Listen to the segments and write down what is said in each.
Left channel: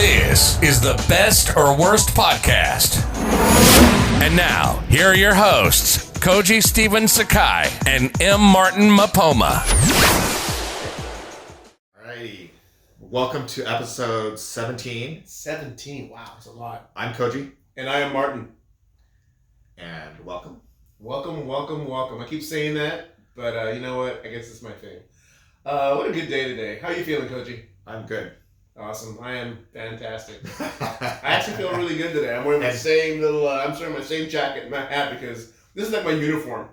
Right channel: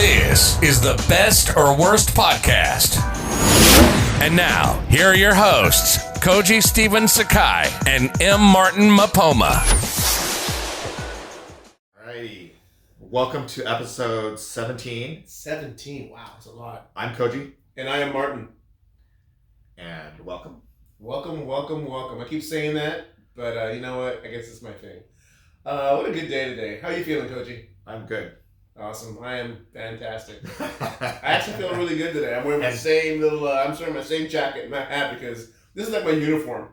This is the Best or Worst Podcast. And now, here are your hosts, Koji Steven Sakai and M. Martin Mapoma. Alrighty. Welcome to episode 17. 17. Wow, that's a lot. I'm Koji. And I am Martin. And welcome. Welcome. I keep saying that, but you know what? I guess it's my thing. What a good day today. How are you feeling, Koji? I'm good. Awesome. I am fantastic. I actually feel really good today. I'm wearing my same little, I'm wearing my same jacket and my hat because this is like my uniform.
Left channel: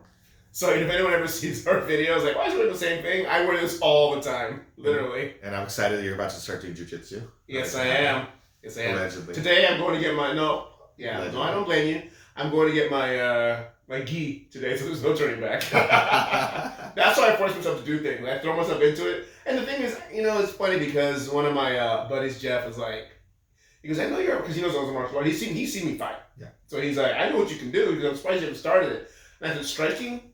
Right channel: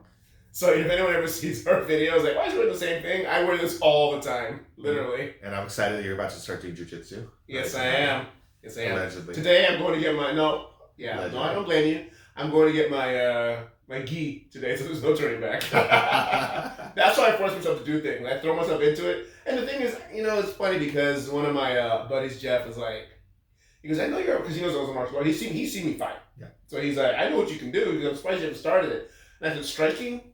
So if anyone ever sees our videos, like, why is you wearing the same thing? I wear this all the time, literally. And I'm excited that you're about to start doing jujitsu. Yes, I am. Allegedly. Today I'm going to get my, no, I don't blame you. I'm going to get my my gi today, so there's no turning back. That's why I force myself to do things. I throw myself into it. And the thing is, it's funny because one of my buddies, Jeff, is like, he goes, I know you're, because he knows I was a martial artist. He's seen me fight. Yeah. So he's like, I know what you can do. He goes, I'm surprised you haven't started it. And I said, striking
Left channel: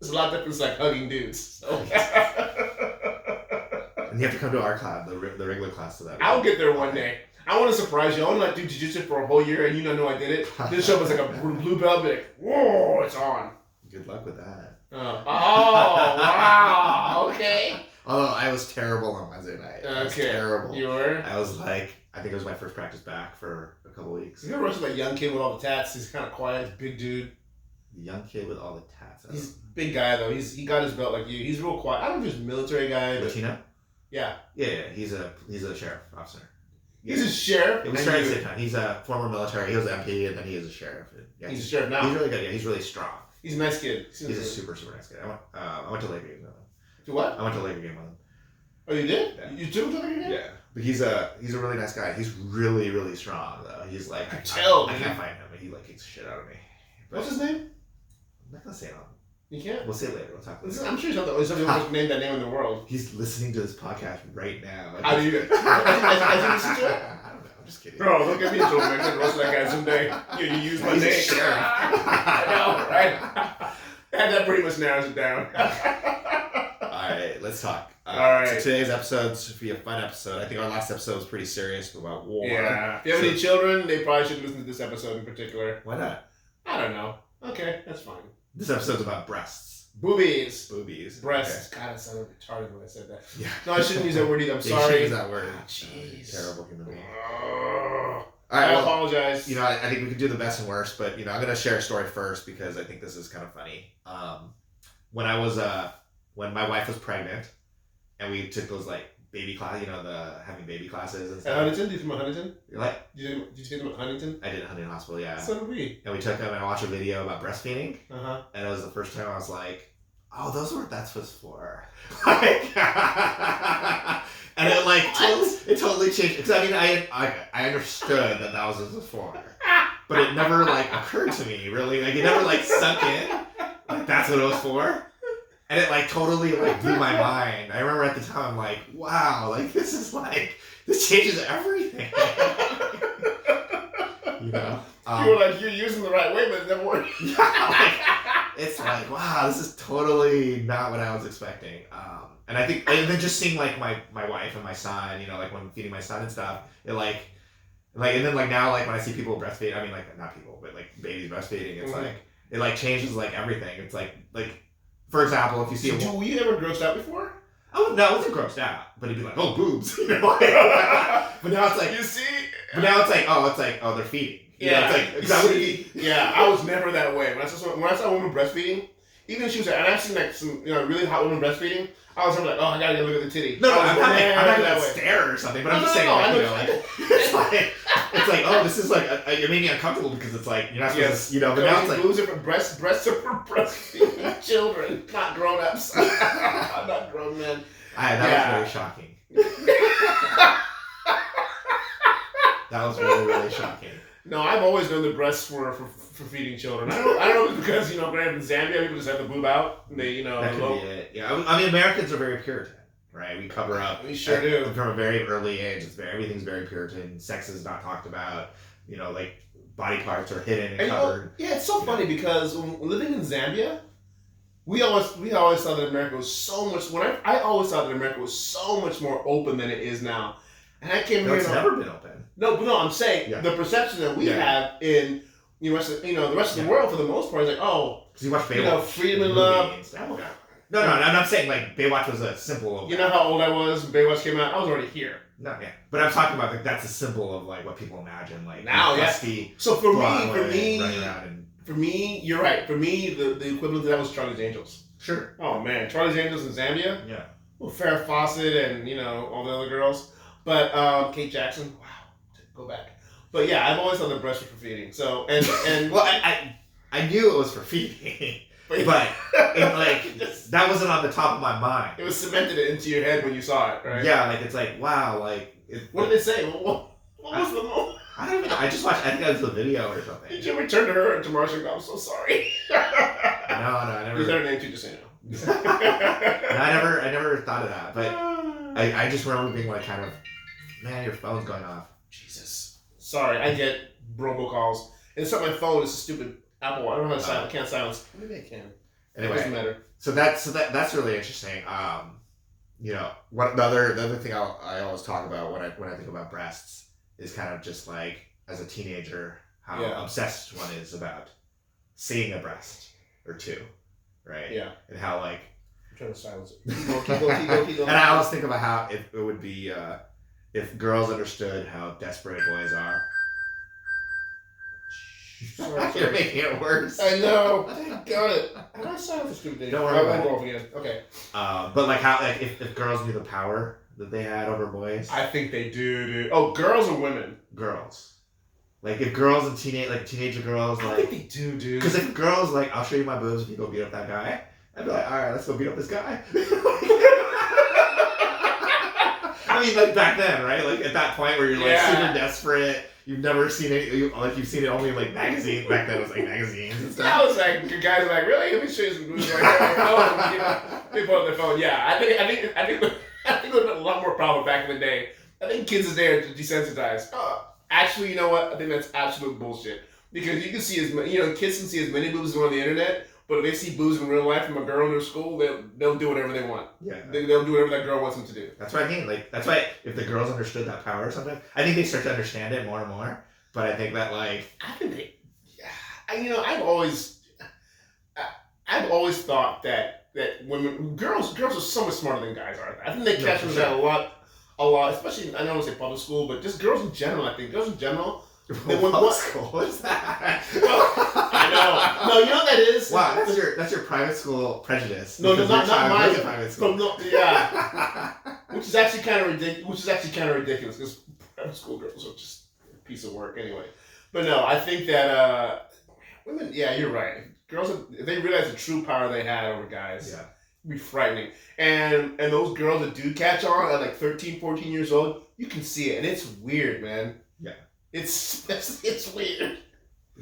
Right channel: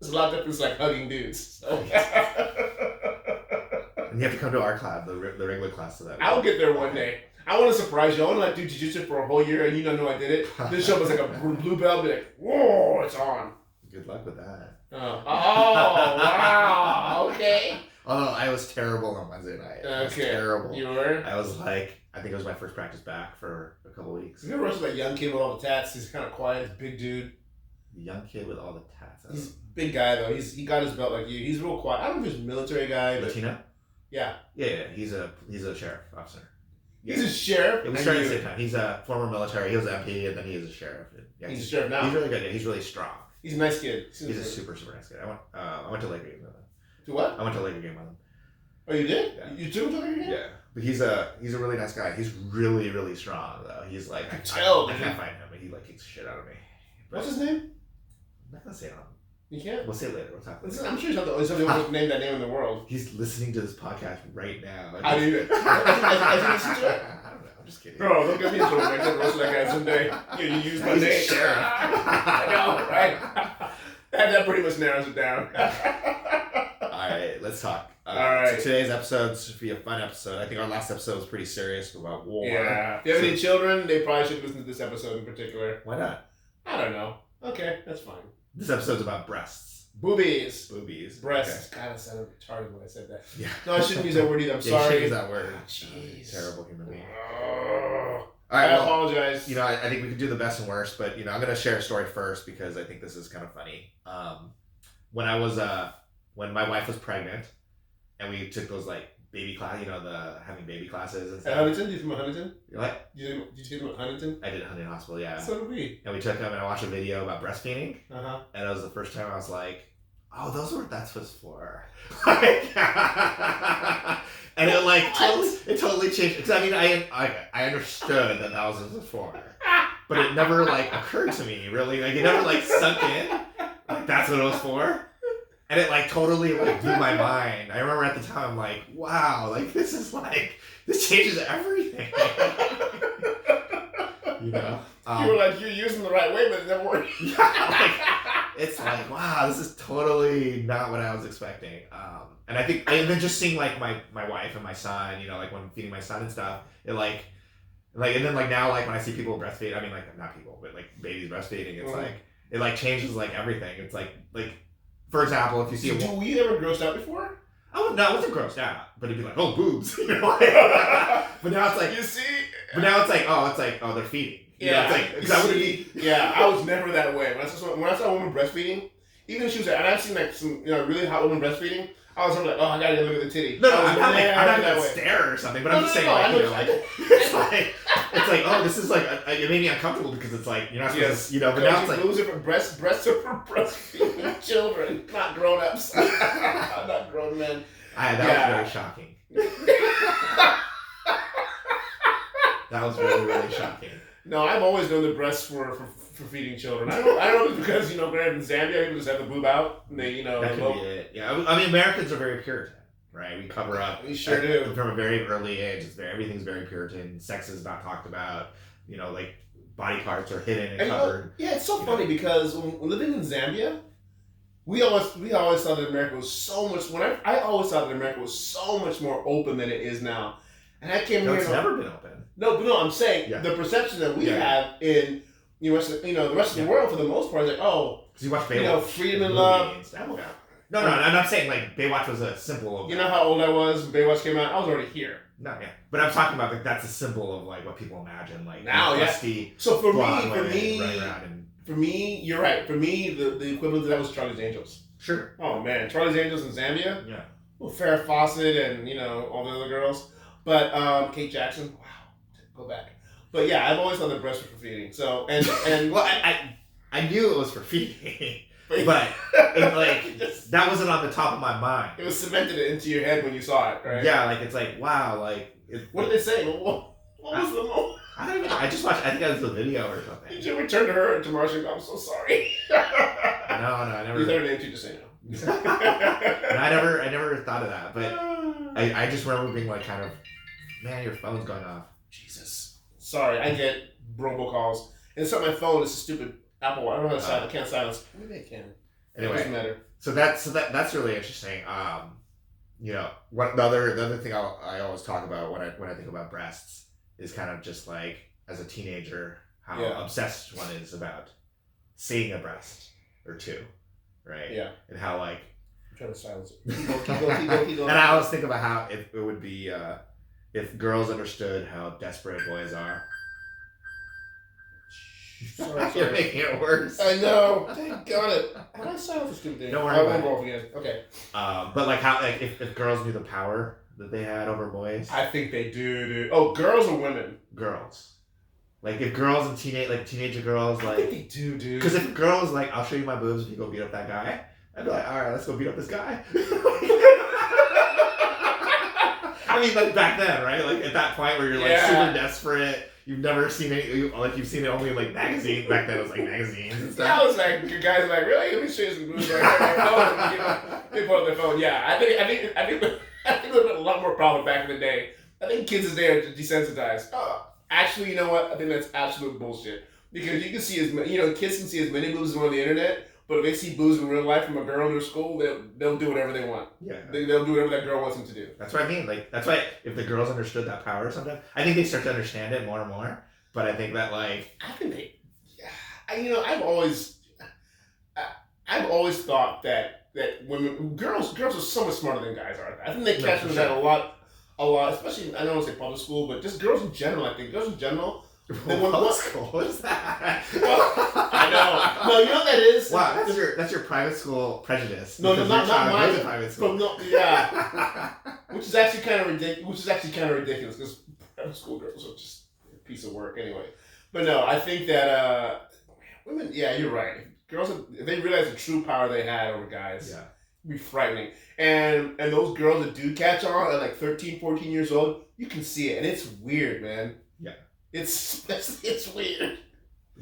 is a lot different than like hugging dudes. So. And you have to come to our class, the regular class to that. I'll get there one day. I want to surprise you. I want to do jiu-jitsu for a whole year and you don't know I did it. This show was like a blue belt, be like, whoa, it's on. Good luck with that. Oh, wow. Okay. Although I was terrible on Wednesday night. I was terrible. You were? I was like, I think it was my first practice back for a couple weeks. You ever watch that young kid with all the tats? He's kind of quiet, big dude. The young kid with all the tats. He's a big guy though. He got his belt like you. He's real quiet. I don't know if he's a military guy. Latino? Yeah. Yeah. He's a sheriff officer. He's a sheriff. Yeah, we started at the same time. He's a former military. He was an MP, and then he is a sheriff. Yeah, he's a sheriff now. He's really good. Yeah, he's really strong. He's a nice kid. He's a super nice kid. I went to Laker game with him. To what? I went to Laker game with him. Oh, you did? Yeah. You took him to Laker game? Yeah. But he's a really nice guy. He's really strong though. He's like I can't fight him, but he like kicks the shit out of me. But what's his name? I'm not gonna say it on. You can't? We'll say it later. We'll talk later. I'm sure he's not the only person named that name in the world. He's listening to this podcast right now. How do you? I listen to it? I don't know. I'm just kidding. Bro, look at me, so I'm gonna roast that guy someday. You use my He's a name. sheriff. I know, right? That pretty much narrows it down. Alright, let's talk. Alright. So today's episode should be a fun episode. I think our last episode was pretty serious about war. Yeah. If you have any children, they probably should listen to this episode in particular. Why not? I don't know. Okay, that's fine. This episode's about breasts. Boobies. Okay. Breasts. God, I sounded retarded when I said that. Yeah. No, I shouldn't use that word either. I'm You sorry. shouldn't use that word. Jeez. Terrible human being. I apologize. I think we could do the best and worst, but I'm gonna share a story first because I think this is kind of funny. When my wife was pregnant, and we took those like baby class, having baby classes and At stuff. Huntington? Did you from Huntington? What? Did you take them at Huntington? I did at Huntington Hospital, yeah. So did we. And we took them and I watched a video about breastfeeding, Uh-huh. and it was the first time I was like, "Oh, those are what that's what's for." Like, and it like totally changed. Because I understood that was what it was for, but it never like occurred to me really. Like it never like sunk in. Like that's what it was for. And it like totally like blew my mind. I remember at the time like, wow, like this changes everything. You were like, you're using the right way, but it never worked. It's like, wow, this is totally not what I was expecting. And I think, and then just seeing like my wife and my son, like when feeding my son and stuff, it and then like now like when I see people breastfeed, I mean like not people, but like babies breastfeeding, it's like it like changes like everything. It's like for example, if you see were you ever grossed out before? No, I wasn't grossed out, but it'd be like, oh, boobs, But now it's like, you see. But now it's like, oh, they're feeding. Yeah, it's like, yeah, I was never that way. When I saw a woman breastfeeding, even if she was, and I've seen like some really hot women breastfeeding, I was like, oh, I gotta go look at the titty. No, I'm not gonna stare or something, but I'm just saying, it's like, oh, this is like, it made me uncomfortable because it's like, you're not supposed to, but now it's like. Boobs are for breasts are for breastfeeding children, not grown-ups. I'm not grown men. That was very shocking. That was really, really shocking. No, I've always known the breasts were for feeding children. I don't know if it's because, granted in Zambia, people just have the boob out. And they, That could be it. Yeah, I mean, Americans are very Puritan, right? We cover up. We sure do. From a very early age, everything's very Puritan. Sex is not talked about. Like body parts are hidden and covered. It's so funny because when living in Zambia, we always thought that America was so much. I always thought that America was so much more open than it is now. And I came No, here. it's never been open. No, I'm saying Yeah. the perception that we Yeah. have in the rest of the world for the most part is like, oh, Because you watch Baywatch. freedom and love. movies. No, I'm not saying like Baywatch was a symbol of. You know how old I was when Baywatch came out? I was already here. No, yeah. But I'm talking about like that's a symbol of like what people imagine like Now, yeah. dusty So for Broadway, running around and for me, you're right. For me, the equivalent of that was Charlie's Angels. sure. Oh man, Charlie's Angels in Zambia. Yeah. Well, Farrah Fawcett and all the other girls, but Kate Jackson. Wow, go back. But yeah, I've always thought that breasts were for feeding. So and Well, I knew it was for feeding, but it, like that wasn't on the top of my mind. it was cemented into your head when you saw it, right? Yeah, like it's like wow, like What did they say? What was the moment? I don't know. I just watched. I think that was a video or something. Did you ever turn to her and to Marsha and go, I'm so sorry? No, I never. You said her name too, just say no. I never thought of that, but I just remember being like kind of, man, your phone's going off. Jesus. Sorry, I get robocalls. And it's not my phone, it's a stupid Apple. I don't know how to silence. I can't silence. Maybe I can. It doesn't Anyway, matter. so that's really interesting. What the other thing I always talk about when I think about breasts is kind of just like as a teenager how obsessed one is about seeing a breast or two, right? Yeah. And how like I'm trying to silence it. Keep going. and I always think about how it would be if girls understood how desperate boys are. Sorry. You're making it worse. I know. Thank God. How do I silence this stupid thing? Don't worry I about won't it. go off again. Okay. But like how like if girls knew the power that they had over boys. I think they do, dude. Oh, girls or women? Girls. Like if girls and teenager girls I like think they do, dude. because if girls like I'll show you my boobs if you go beat up that guy, I'd be like, all right, let's go beat up this guy. I mean, like back then, right? Like at that point where you're like super desperate, you've never seen it. You've seen it only in like magazines. Back then, it was like magazines and stuff. That was like the guys were like, really? Let me show you some movies. Like, they pull up their phone. Yeah, I think there was a lot more problem back in the day. I think kids today are desensitized. Actually, you know what? I think that's absolute bullshit. Because you can see as many, kids can see as many boobs as on the internet. But if they see boobs in real life from a girl in their school, they'll do whatever they want. Yeah, they'll do whatever that girl wants them to do. That's what I mean. Like that's why if the girls understood that power or something, I think they start to understand it more and more. But I think that like I think they, I've always thought that girls are so much smarter than guys are. I think they catch them that a lot. Especially I don't want to say public school, but just girls in general. I think girls in general. Public school? What is that? I know. No, you know what that is? Wow, that's your private school prejudice. No, because not your child mine. goes to private school. Yeah. Which is actually kind of ridiculous because private school girls are just a piece of work anyway. But no, I think that women. Yeah, you're right. Girls, if they realize the true power they had over guys, it'd be frightening. And those girls that do catch on at like 13, 14 years old, you can see it, and it's weird, man. Yeah. It's weird.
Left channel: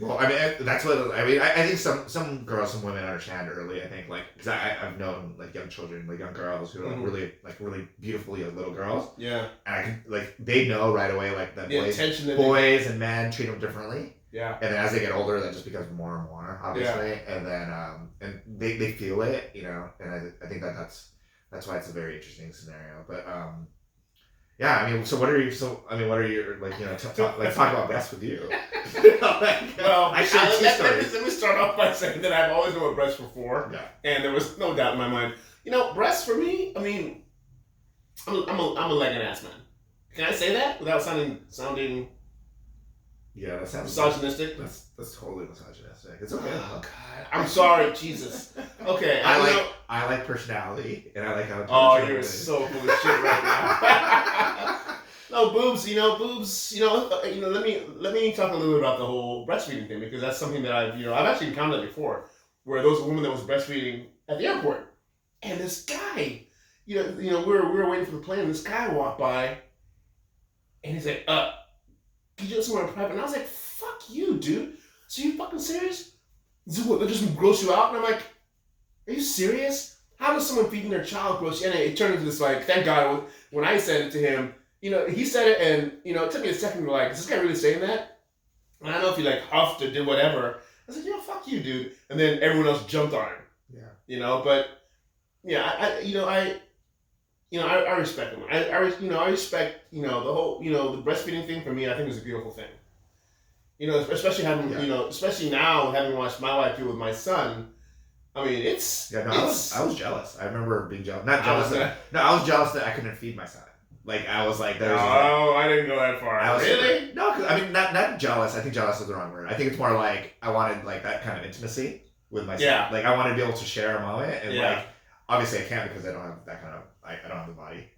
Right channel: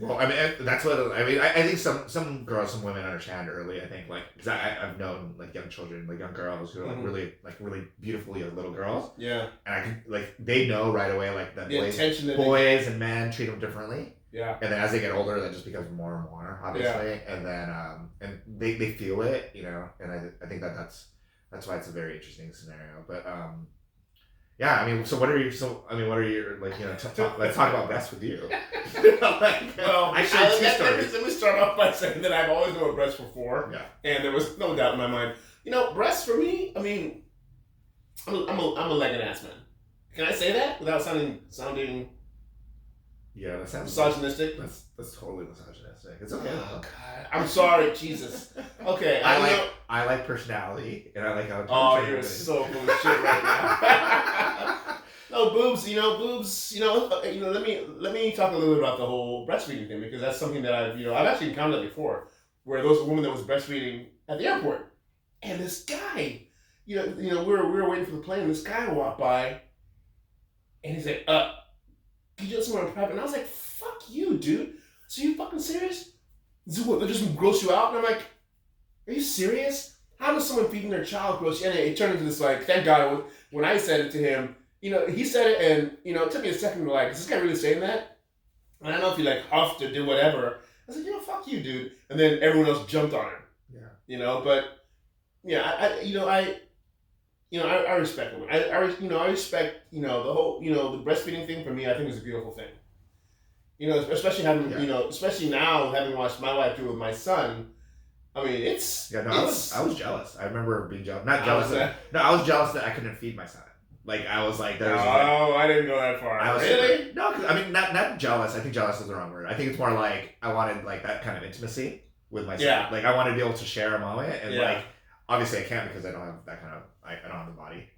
Well, I mean, that's what I mean. I think some girls, some women understand early. I think because I've known like young children, like young girls who are like really beautiful young little girls. Yeah. And I can like they know right away like that the boys and men treat them differently. Yeah. And then as they get older, that just becomes more and more obviously. Yeah. And then and they feel it, and I think that's why it's a very interesting scenario. But yeah, I mean, what are your let's talk about breasts with you. Well, let me start off by saying that I've always known what breasts were for. Yeah. And there was no doubt in my mind. Breasts for me, I mean, I'm a leg and ass man. Can I say that without sounding yeah, that sounds misogynistic? That's totally misogynistic. It's okay. Oh God, I'm sorry, Jesus. Okay, I like personality, and I like how. Oh, you're so full of shit right now. No, boobs. Boobs. Let me talk a little bit about the whole breastfeeding thing because that's something that I've actually encountered that before, where there was a woman that was breastfeeding at the airport, and this guy, we were waiting for the plane, and this guy walked by, and he's like, "Can you do somewhere in private?" And I was like, "Fuck you, dude. So you fucking serious? Is what, they just gross you out?" And I'm like, "Are you serious? How does someone feeding their child gross you?" And it turned into this like, thank God when I said it to him, he said it, and it took me a second to like, is this guy really saying that? And I don't know if he like huffed or did whatever. I said, fuck you, dude. And then everyone else jumped on him. Yeah. But yeah, I respect them. I respect, the whole, the breastfeeding thing for me, I think is a beautiful thing. Especially having, especially now having watched my wife do it with my son. I mean, I was jealous. I remember being jealous. Not jealous. I was jealous that I couldn't feed my son. Like, I was like, I didn't go that far. Really? No, because I mean, not jealous. I think jealous is the wrong word. I think it's more like I wanted like that kind of intimacy with my son. Yeah. Like, I wanted to be able to share a moment, and like, obviously I can't because I don't have that kind of. I don't have the body.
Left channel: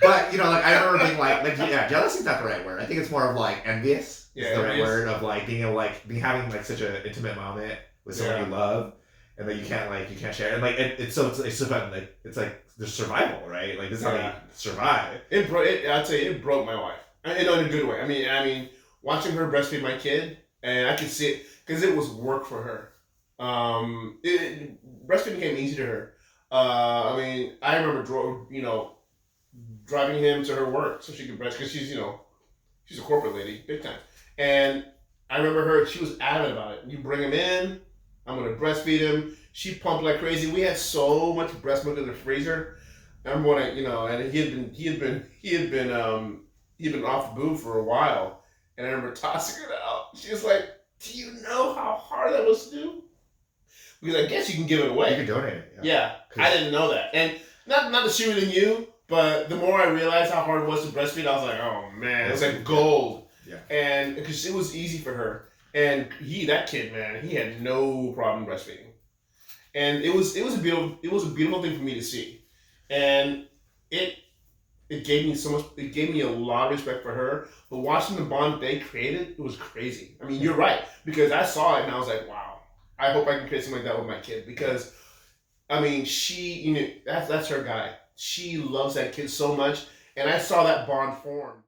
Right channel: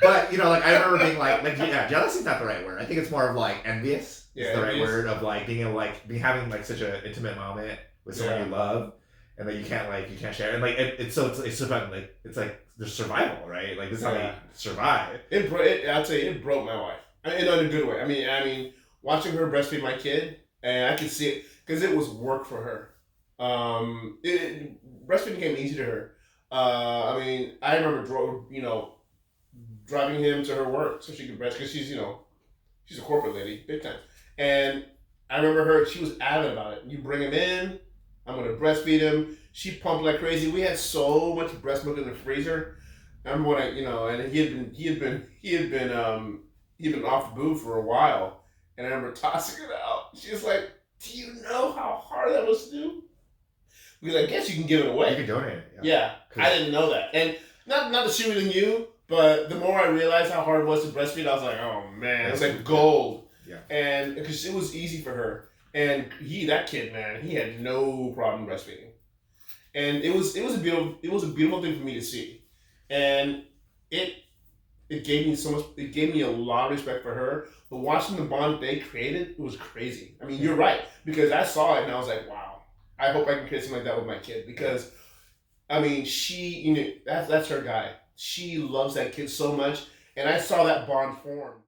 But like I remember being like jealousy is not the right word. I think it's more of like envious. Is the right word of like being able having like such an intimate moment with someone you love, and that you can't share. And like it's like the survival, right? Like this is how they survive. I'd say it broke my wife in a good way. I mean, watching her breastfeed my kid, and I could see it because it was work for her. Breastfeeding came easy to her. I mean, I remember driving him to her work so she could breastfeed because she's a corporate lady, big time. And I remember she was adamant about it. You bring him in, I'm gonna breastfeed him. She pumped like crazy. We had so much breast milk in the freezer. I remember when and he had been off the boob for a while, and I remember tossing it out. She was like, "Do you know how hard that was to do?" Because I guess you can give it away. You can donate it. Yeah, I didn't know that, and not to shoot than you, but the more I realized how hard it was to breastfeed, I was like, "Oh man, it was like gold." Yeah, and because it was easy for her, and that kid, man, he had no problem breastfeeding. And it was a beautiful thing for me to see, and it gave me so much. It gave me a lot of respect for her. But watching the bond they created, it was crazy. I mean, you're right, because I saw it and I was like, wow, I hope I can create something like that with my kid, because I mean, she, that's her guy. She loves that kid so much, and I saw that bond form.